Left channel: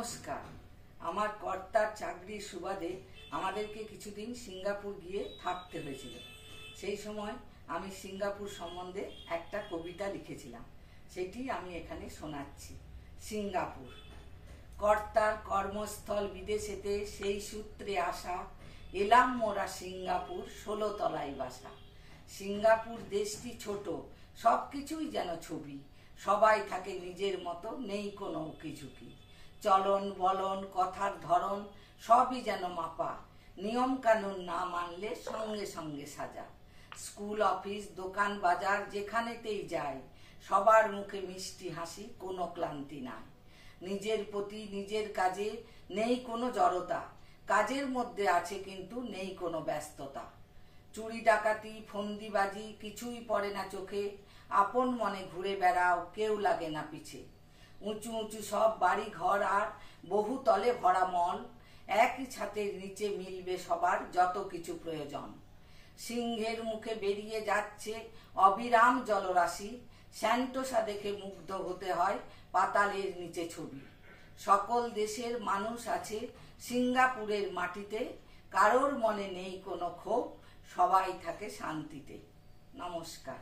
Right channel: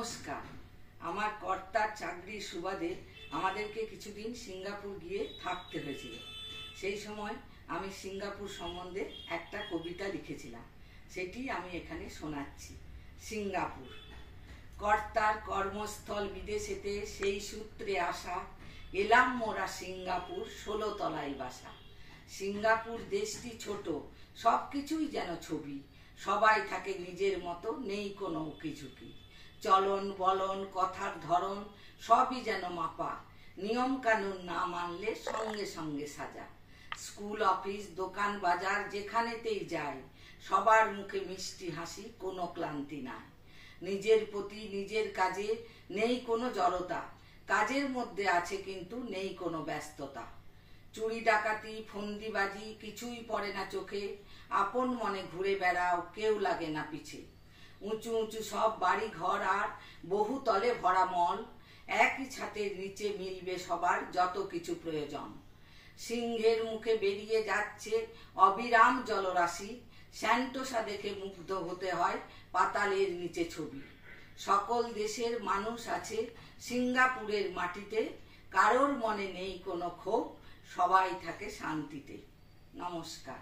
নমস্কার। আমার কর্তার চাকরির সুবাদে আমাদেরকে কিছুদিন সিঙ্গাপুর গিয়ে থাকতে হয়েছিল। সেই সময় আমি সিঙ্গাপুর সম্বন্ধে একটা কবিতা লিখেছিলাম, সেটি আমি এখানে শোনাচ্ছি। সিঙ্গাপুর। কর্তার কর্মস্থল বিদেশেতে, সেই সূত্রে আসা, এলাম মোরা সিঙ্গাপুর, 16 তলায় বাসা। সিঙ্গাপুর দেশটি ছোট, সব কিছুই যেন ছবি, সবাই থাকে নিজের মতো, নেই কোনো উকিঝুঁকি। চলন বলন কথার ধরন সবই যেন মাপা, নিয়ম কানুন না মানলে সঙ্গে সঙ্গে সাজা। স্কুল অফিস দোকান বাজার যেখানেতেই যাই, সবার মুখে মিষ্টি হাসি, কোনো ক্লান্তি নাই। নিজের প্রতি নিজের কাজে নেই কোনো জড়তা, কাজের মধ্যে আছে কিন্তু নেই কোনো ব্যস্ততা। চুরি ডাকাতি ফন্দিবাজি কিছুই পড়ে না চোখে, আপন মনে ঘুরে বেড়াও, কেউ লাগে না পিছে। উঁচু উঁচু সব বাড়ি ঘর আর বহু তলে ভরা মল, একই ছাতের নিচে মিলবে সবার যত কিছু প্রয়োজন। সিংহের মুখে বেরিয়ে যাচ্ছে অবিরাম জলরাশি, স্যান্টোসা দেখে মুগ্ধ হতে হয় পাতালের নিচে ছবি। সকল দেশের মানুষ আছে সিঙ্গাপুরের মাটিতে, কারোর মনে নেই কোনো ক্ষোভ, সবাই থাকে শান্তিতে। নমস্কার।